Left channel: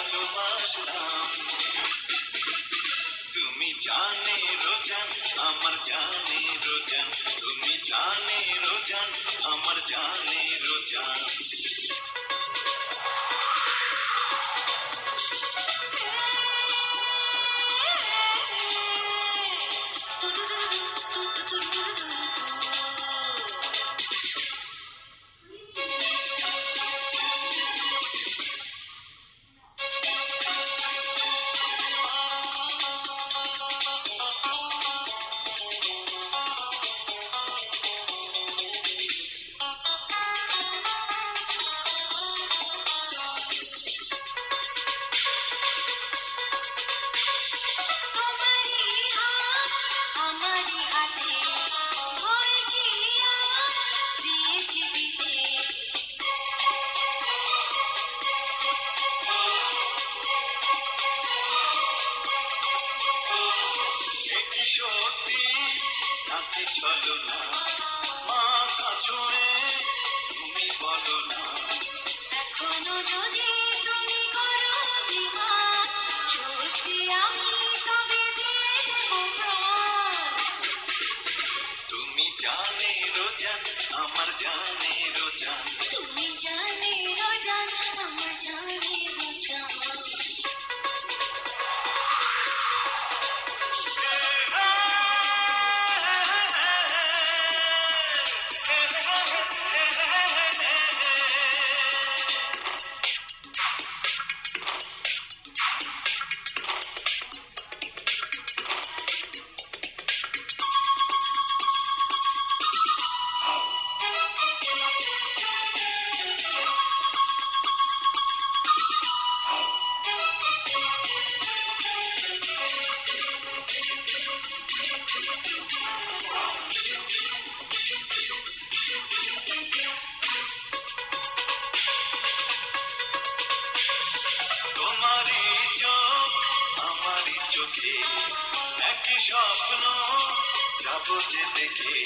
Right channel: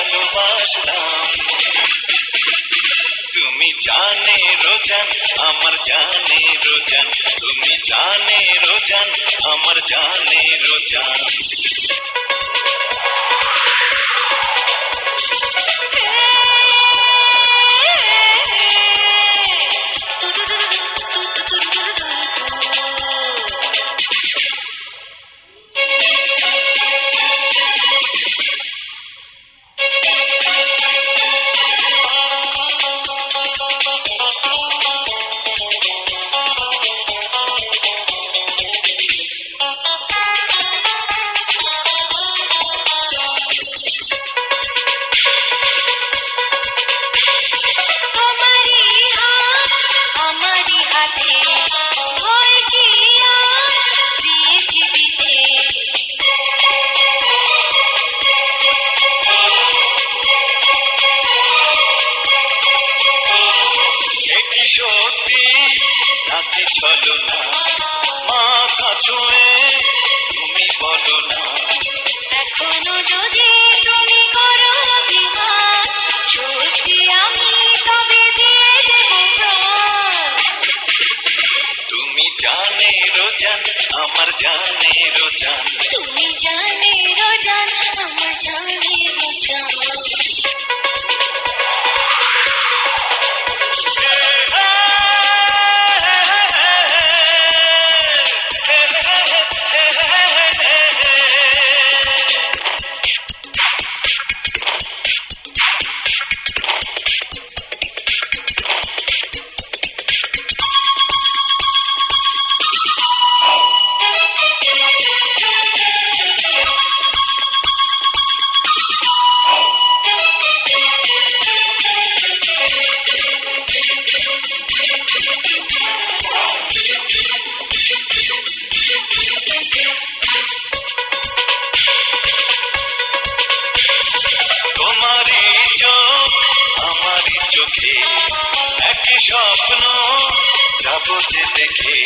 ভালোবাসলাম। তুমি জানে রোজান, আমার জানে রোজান, তুমি জানে রোজান, আমার জানে রোজান। সত্যি নাকি চলো না, মাথা ছুঁয়ে তুমি বলো না। এখনো যদি তুমি করো অভিমান, সত্যি আমি তবে দিয়ে দেব প্রাণ। তুমি জানে রোজান, আমার জানে রোজান, তুমি জানে রোজান, আমার জানে রোজান। তোমারই চোখ আমারই চোখে, একই স্বপ্ন যাবো যে দেখে।